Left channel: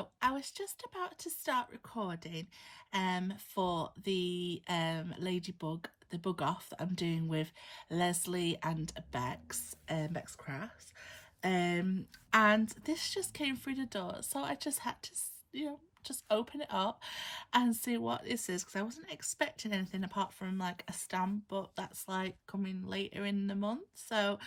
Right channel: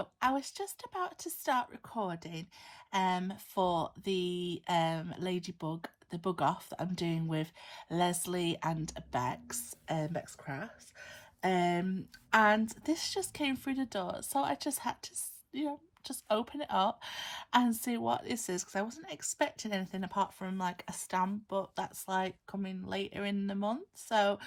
So I was just about to start recording for the Ladybug, the bug off that I'm doing with Lesley and Bex Crafts. And this just came through the door, so I just had to, just open it up and see what this is, because I wasn't expecting anything apart from like a stamp, but that's like coming later in the month. So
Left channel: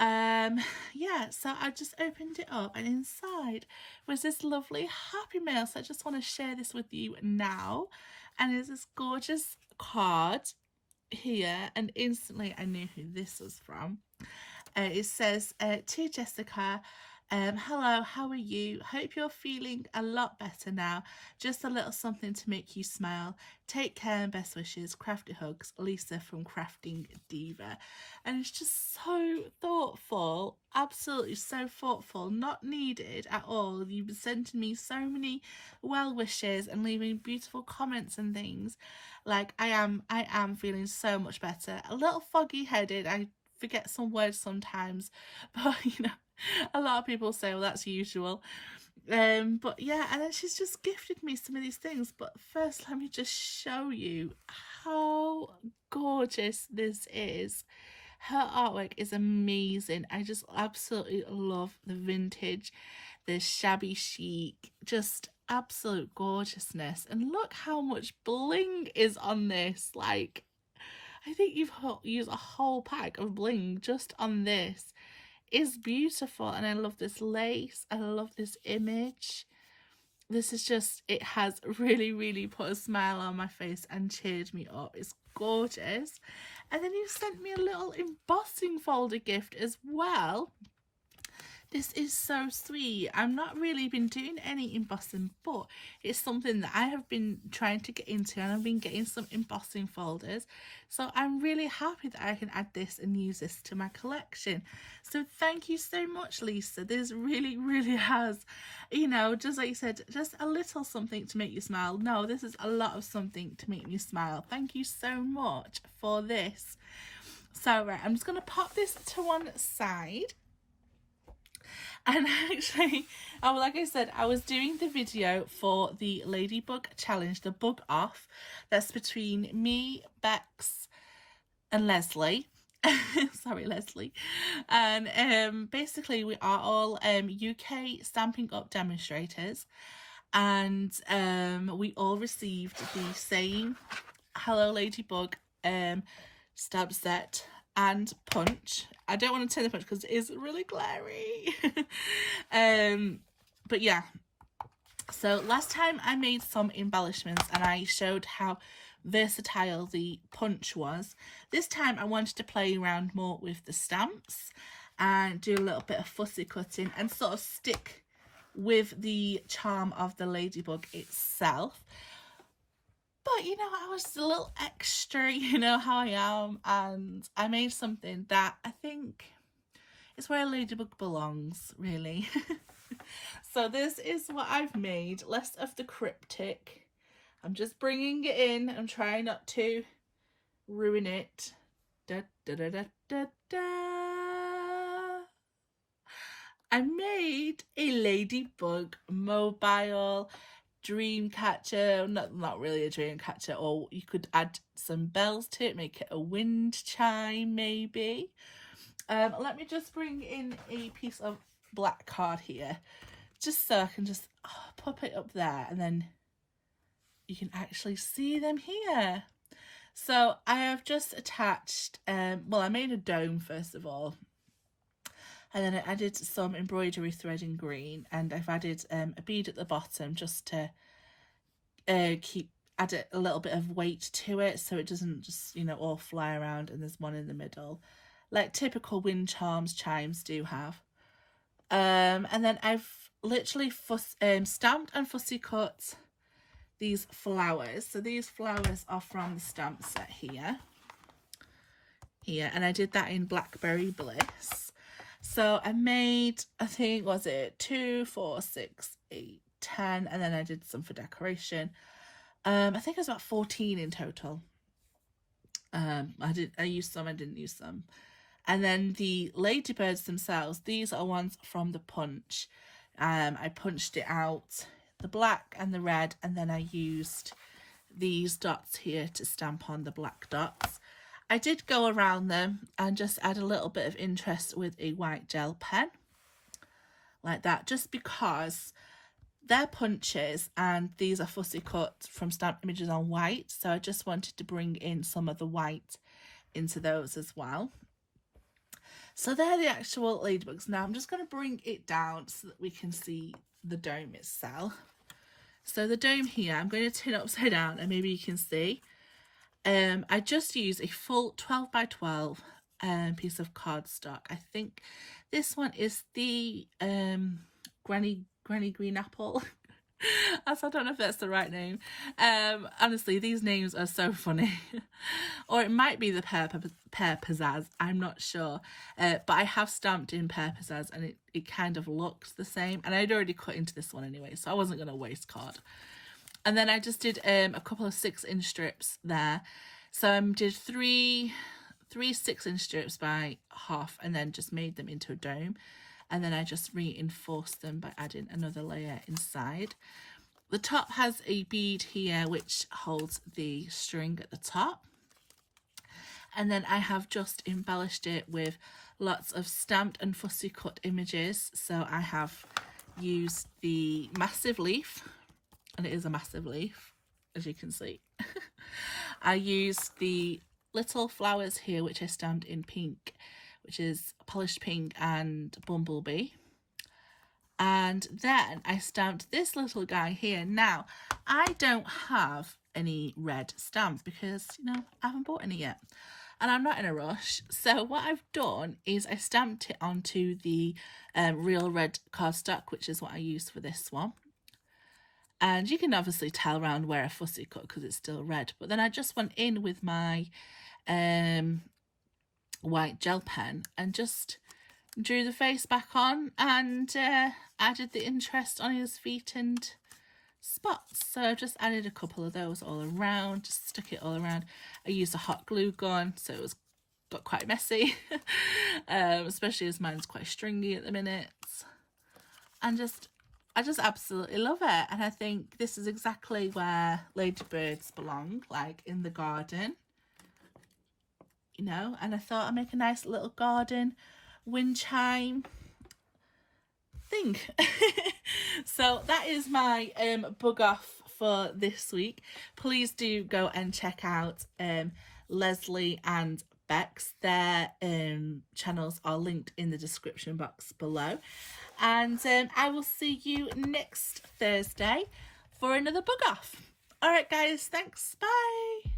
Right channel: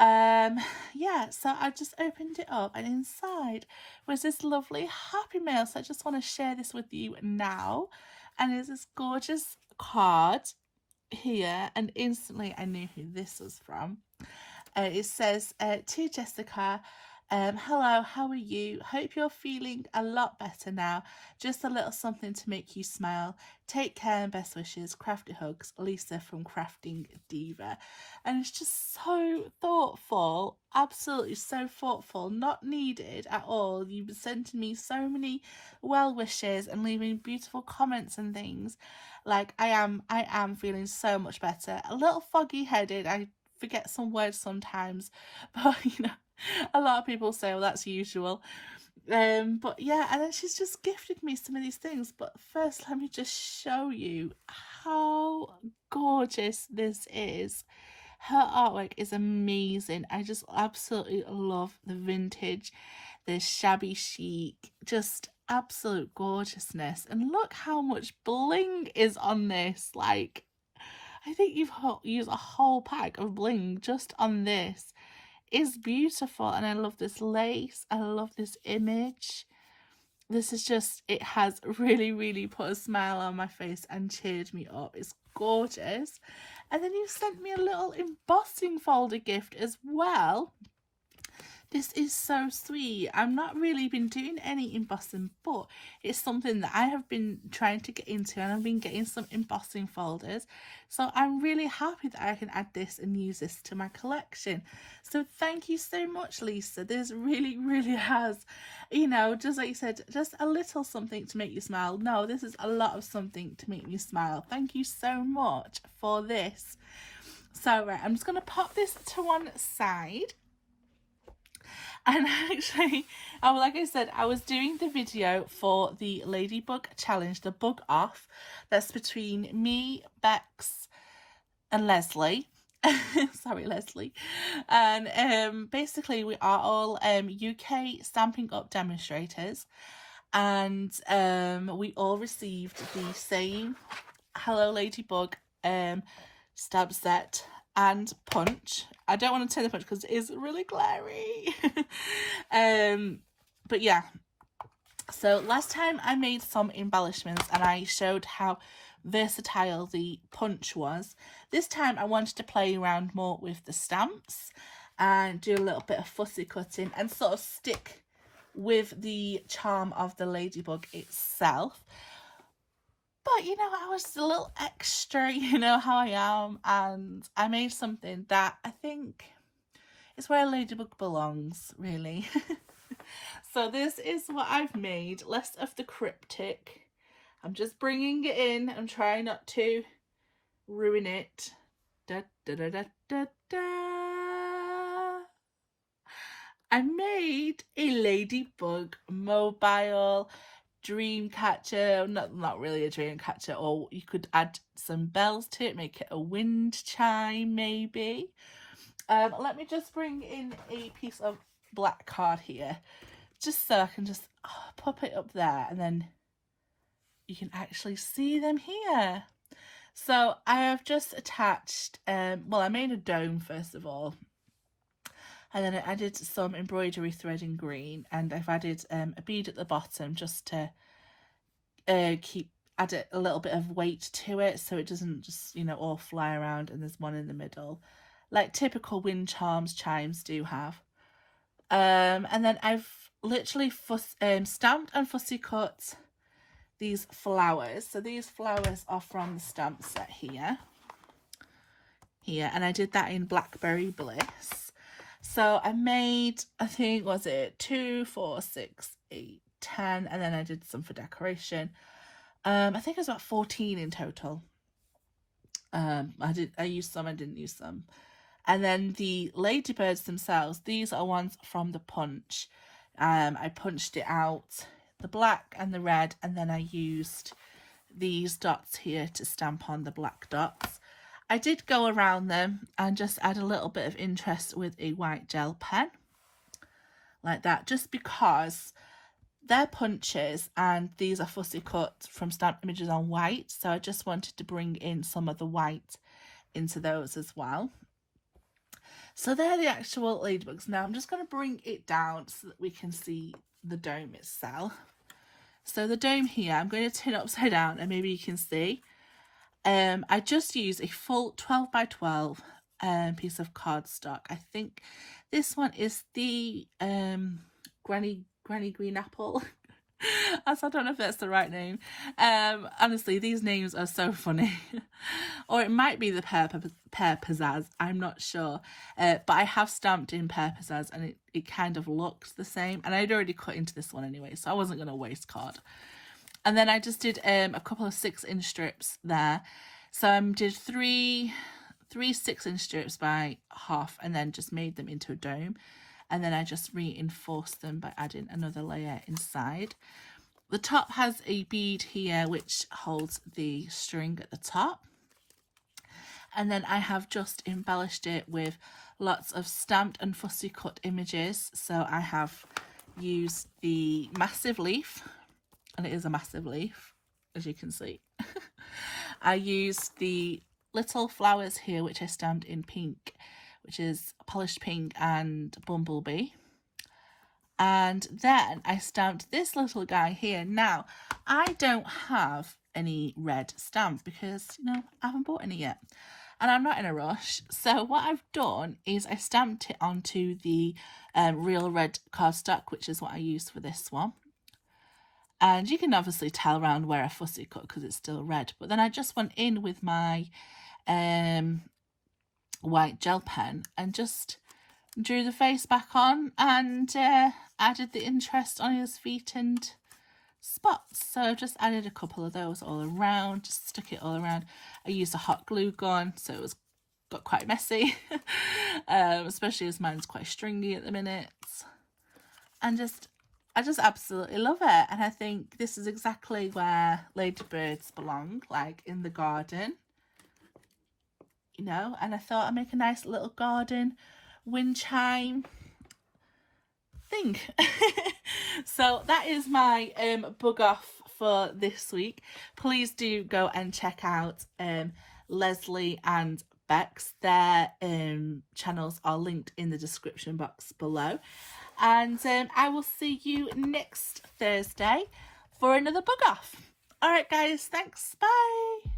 yeah, so I just opened it up, and inside was this lovely happy mail. So I just want to share this with you now. And there's this gorgeous card here, and instantly I knew who this was from. It says, to Jessica, hello, how are you? Hope you're feeling a lot better now. Just a little something to make you smile. Take care and best wishes. Crafty hugs, Lisa from Crafting Diva. And it's just so thoughtful, absolutely so thoughtful, not needed at all. You've been sending me so many well wishes and leaving beautiful comments and things. Like, I am feeling so much better. A little foggy headed. I forget some words sometimes, but a lot of people say, well, that's usual. But yeah, and then she's just gifted me some of these things. But first, let me just show you how gorgeous this is. Her artwork is amazing. I just absolutely love the vintage, the shabby chic, just absolute gorgeousness. And look how much bling is on this. Like, I think you've used a whole pack of bling just on this. It's beautiful, and I love this lace. I love this image. This is just, it has really put a smile on my face and cheered me up. It's gorgeous. And then you sent me a little embossing folder gift as well. This is so sweet. I've not really been doing any embossing, but it's something that I have been trying to get into, and I've been getting some embossing folders. So I'm really happy that I can add this and use this to my collection. So thank you so much, Lisa. This really has, just like you said, just a little something to make you smile. No, this is a lot of something to make me smile. Thank you so much for this. So right, I'm just going to pop this to one side. And actually, like I said, I was doing the video for the Ladybug challenge, the bug off, that's between me, Bex, and Lesley. Sorry, Lesley. And basically, we are all UK Stampin' Up demonstrators, and we all received the same Hello Ladybug stamp set and punch. I don't want to turn the punch because it is really glary. But yeah, so last time I made some embellishments and I showed how versatile the punch was. This time I wanted to play around more with the stamps and do a little bit of fussy cutting and sort of stick with the charm of the Ladybug itself. But, I was a little extra, how I am, and I made something that I think is where Ladybug belongs, really. So this is what I've made, less of the cryptic. I'm just bringing it in and trying not to ruin it. Da, da, da, da, da, da. I made a Ladybug mobile dream catcher. Not really a dream catcher, or you could add some bells to it, make it a wind chime maybe. Let me just bring in a piece of black card here, just so I can just pop it up there, and then you can actually see them here. So I have just attached, well, I made a dome first of all, and then I added some embroidery thread in green, and I've added a bead at the bottom just to add a little bit of weight to it, so it doesn't just, all fly around. And there's one in the middle, like typical wind chimes do have. And then I've literally stamped and fussy cut these flowers. So these flowers are from the stamp set here, and I did that in Blackberry Bliss. So I made, I think, was it 2, 4, 6, 8, 10, and then I did some for decoration. I think it was about 14 in total. I used some, I didn't use some. And then the ladybirds themselves, these are ones from the punch. I punched it out, the black and the red, and then I used these dots here to stamp on the black dots. I did go around them and just add a little bit of interest with a white gel pen, like that, just because they're punches and these are fussy cut from stamp images on white, so I just wanted to bring in some of the white into those as well. So they're the actual ladybugs. Now I'm just going to bring it down so that we can see the dome itself. So the dome here, I'm going to turn it upside down and maybe you can see. I just used a full 12 by 12 piece of cardstock. I think this one is the Granny Green Apple. I don't know if that's the right name. Honestly, these names are so funny. Or it might be the Pear Pizzazz, I'm not sure. But I have stamped in Pear Pizzazz and it kind of looks the same. And I'd already cut into this one anyway, so I wasn't going to waste card. And then I just did a couple of 6-inch strips there. So I did three 6-inch strips by half and then just made them into a dome. And then I just reinforced them by adding another layer inside. The top has a bead here which holds the string at the top. And then I have just embellished it with lots of stamped and fussy cut images. So I have used the massive leaf, and it is a massive leaf, as you can see. I used the little flowers here, which I stamped in pink, which is polished pink and bumblebee. And then I stamped this little guy here. Now, I don't have any red stamp because, you know, I haven't bought any yet. And I'm not in a rush. So what I've done is I stamped it onto the real red cardstock, which is what I used for this one. And you can obviously tell around where I fussy cut because it's still red. But then I just went in with my white gel pen and just drew the face back on and added the interest on his feet and spots. So I just added a couple of those all around, just stuck it all around. I used a hot glue gun, so it got quite messy, especially as mine's quite stringy at the minute. And I just absolutely love it. And I think this is exactly where ladybirds belong, like in the garden, you know. And I thought I'd make a nice little garden wind chime thing. So that is my bug off for this week. Please do go and check out Lesley and Bex. Their channels are linked in the description box below. And I will see you next Thursday for another bug off. All right, guys. Thanks. Bye.